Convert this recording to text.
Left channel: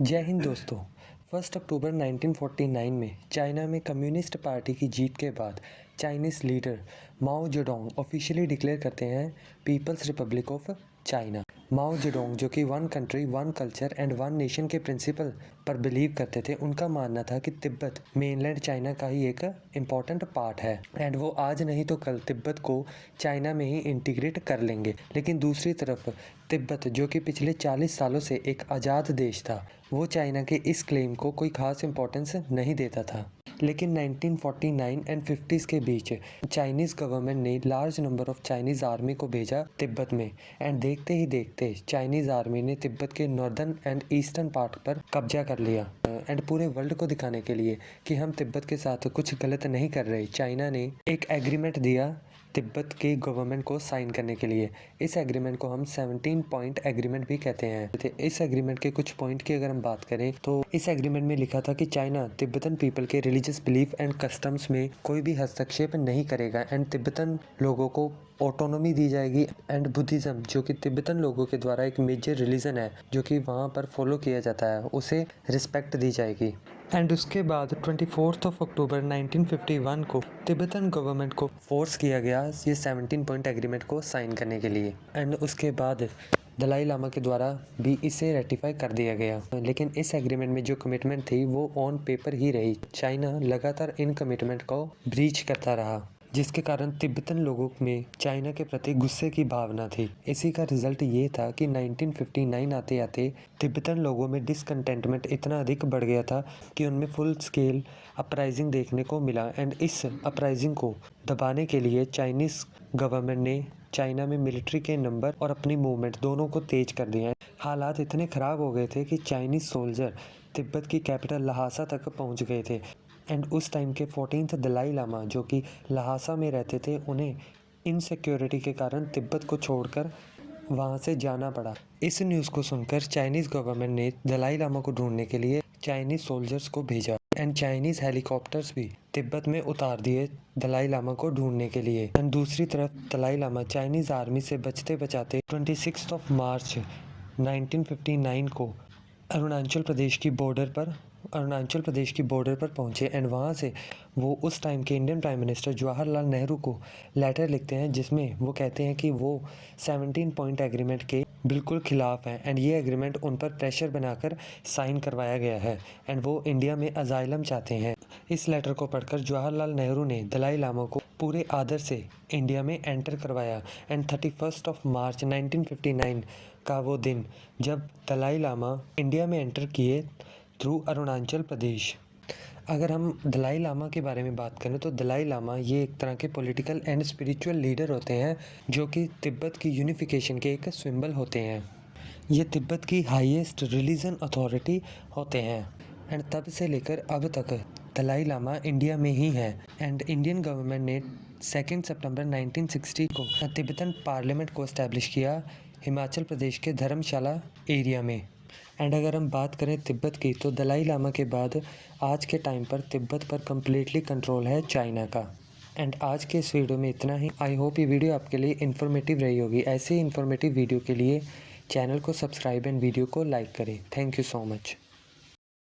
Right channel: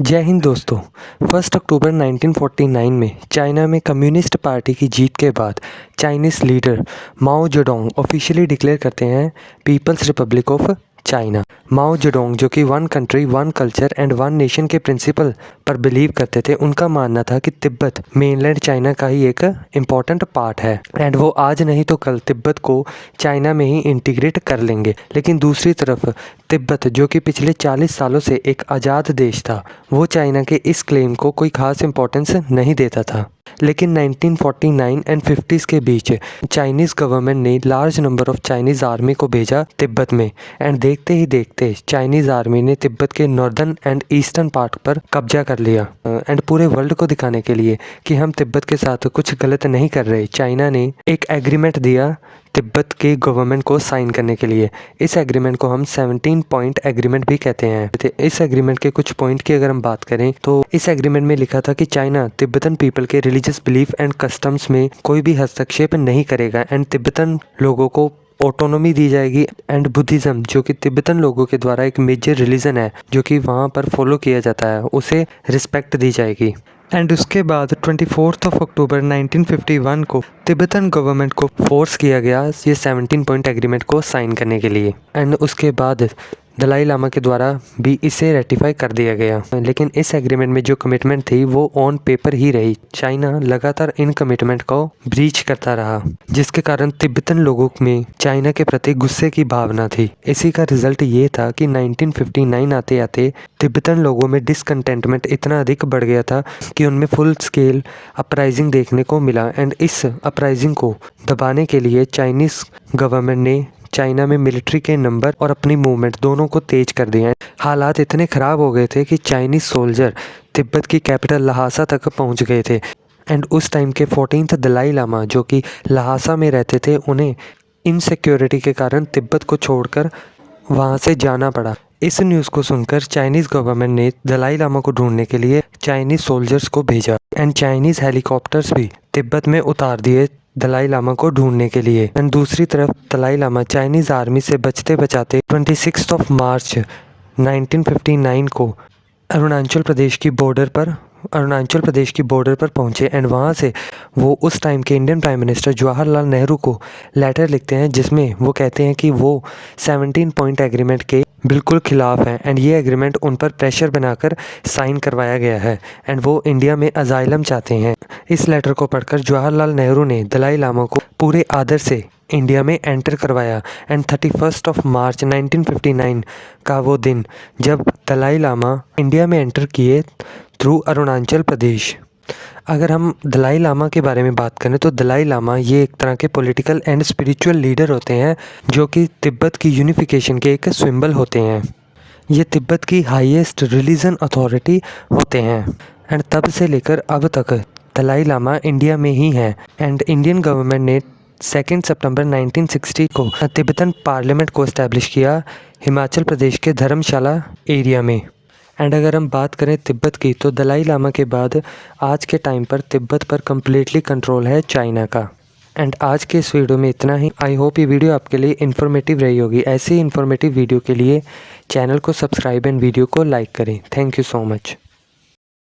जय हिंद दोस्तों। 1 अक्टूबर 1949 में चाइना में कम्युनिस्ट पार्टी की जीत के बाद Chinese leader Mao Zedong officially declare करते हैं People's Republic of China. Mao Zedong जो कि one country one culture and one nation के प्रिंसिपल पर बिलीव करते थे, उनका मानना था कि तिब्बत मेनलैंड चाइना का ही एक इम्पॉर्टेंट पार्ट है एंड वो आज नहीं तो कल तिब्बत को चाइना में ही इंटीग्रेट कर लेंगे। लेकिन दूसरी तरफ तिब्बत जो कि पिछले 40 सालों से एक आज़ाद देश था, वो चाइना के इस क्लेम को कोई खास इंपॉर्टेंस नहीं देता था। लेकिन 1949 एंड 50s के बीच चाइनीज़ गवर्नमेंट ने large number of Chinese army को भेजा तिब्बत में एंड देखते ही देखते चाइनीज़ आर्मी ने तिब्बत के नॉर्दर्न एंड ईस्टर्न पार्ट पर कब्जा कर लिया। एंड पूरे वर्ल्ड को दिखाने के लिए कि हम तिब्बत के साथ कुछ गलत नहीं कर रहे, चाइना ने एक एग्रीमेंट दिया तिब्बत के गवर्नमेंट को साइन करने के लिए। इस एग्रीमेंट को हम 17 पॉइंट एग्रीमेंट भी कहते हैं। इस एग्रीमेंट के कुछ पॉइंट की अगर हम बात करें तो इस एग्रीमेंट में लिखा था कि चाइना तिब्बतन पीपल के रिलीजियस बिलीफ एंड कस्टम्स में कोई भी हस्तक्षेप नहीं करेगा एंड तिब्बतन लोगों को ऑटोनॉमी दी जाएगी एंड बुद्धिज़्म जो कि तिब्बतन लोगों के द्वारा एक मेजर रिलीजन है जो कि वहाँ पर फॉलो किया जाता है, उसे रिस्पेक्ट दी जाएगी। एंड उसके बाद 24 अक्टूबर 1951 को तिब्बतन गवर्नमेंट को फोर्स किया गया ये 17 पॉइंट एग्रीमेंट को साइन करने के लिए एंड उसके बाद दलाई लामा के द्वारा भी इसे रेटिफाई कर दिया गया। लेकिन इस एग्रीमेंट में जो कमिटमेंट थी वो ऑन पेपर ही रही। चाइना लगातार इन कमिटमेंट को ब्रीच करता रहा, जिसके कारण तिब्बतन लोगों में चाइना के प्रति गुस्से की भावना थी। इसी का रिजल्ट ये था कि 1959 आते आते तिब्बतन लोगों में डिसकंटेंटमेंट इतना अधिक बढ़ गया था कि उनमें फुल स्केल अपराइजिंग देखने को मिला एंड इस अपराइजिंग को दबाने के लिए चाइनीज़ गवर्नमेंट ने चाइना में मिलिट्री के नंबर और अपनी मूवमेंट दोनों को तेज कर दिया। हालात इतने ख़राब हो गए थे कि चाइनीज़ सोल्जर तिब्बत की कैपिटल लहासा तक पहुंच गए थे एंड उस टाइम के 14th दलाई लामा जो कि लहासा में रहते थे, उन्हें इनसिक्योरिटी के कारण तिब्बत को छोड़कर वहां से जाना पड़ा। इस न्यूज़ को सुनकर चाइनीज़ गवर्नमेंट ने दलाई लामा को ढूंढने के लिए चाइनीज़ सोल्जर्स को भेजा एंड चाइनीज़ हेलीकॉप्टर्स भी तिब्बत में उतार दिए दलाई लामा को ढूंढने के लिए। एंड दूसरी तरफ दलाई लामा चाइनीज़ आर्मी से बचते बचाते 26 मार्च 1959 को अरुणाचल प्रदेश की बॉर्डर पर पहुंचे एंड वहां से वो उस टाइम के Indian prime minister Jawaharlal Nehru को लेटर लिखते हैं जिसमें वो कहते हैं कि वो 17 पॉइंट एग्रीमेंट के बिल्कुल खिलाफ हैं एंड ये एग्रीमेंट उन पर प्रेशर बनाकर साइन करवाया गया है एंड वो इंडिया में अजाइलम चाहते हैं। इस लेटर को पढ़कर जवाहरलाल नेहरू ने दलाई लामा को पूरे आदर से इंडिया में एंटर करवाया एंड 31 मार्च 1959 का वो दिन जब दलाई लामा इंडिया में एंटर किए थ्रू अरुणाचल प्रदेश। अगर हम दलाई लामा के बारे में बात करें तो दलाई लामा ये एक तरह के पॉलिटिकल एंड स्पिरिचुअल लीडर होते हैं जो कि तिब्बत की यूनिफिकेशन के एक सिंबल होते हैं। ये तिब्बत की हाईएस्ट रिलीजन अथॉरिटी होते हैं एंड तब से लेकर अब तक दलाई लामा इंडिया में ही हैं एंड इंडियन गवर्नमेंट ने 2 सितंबर 1960 को तिब्बतन पार्लियामेंट को इस्टेब्लिश किया हिमाचल प्रदेश के धर्मशाला एरिया में। एंड अगर हम बात करें तिब्बत की तो दलाई लामा के बाद आज के टाइम पर तिब्बत पर कम्प्लीटली कंट्रोल है चाइना का। एंड आज के इस वीडियो में इतना ही। आई होप ये वीडियो आपके लिए इन्फॉर्मेटिव रही होगी। ऐसे ही इन्फॉर्मेटिव वीडियो के लिए चैनल को सब्सक्राइब एंड वीडियो को लाइक करें। Thank you so much.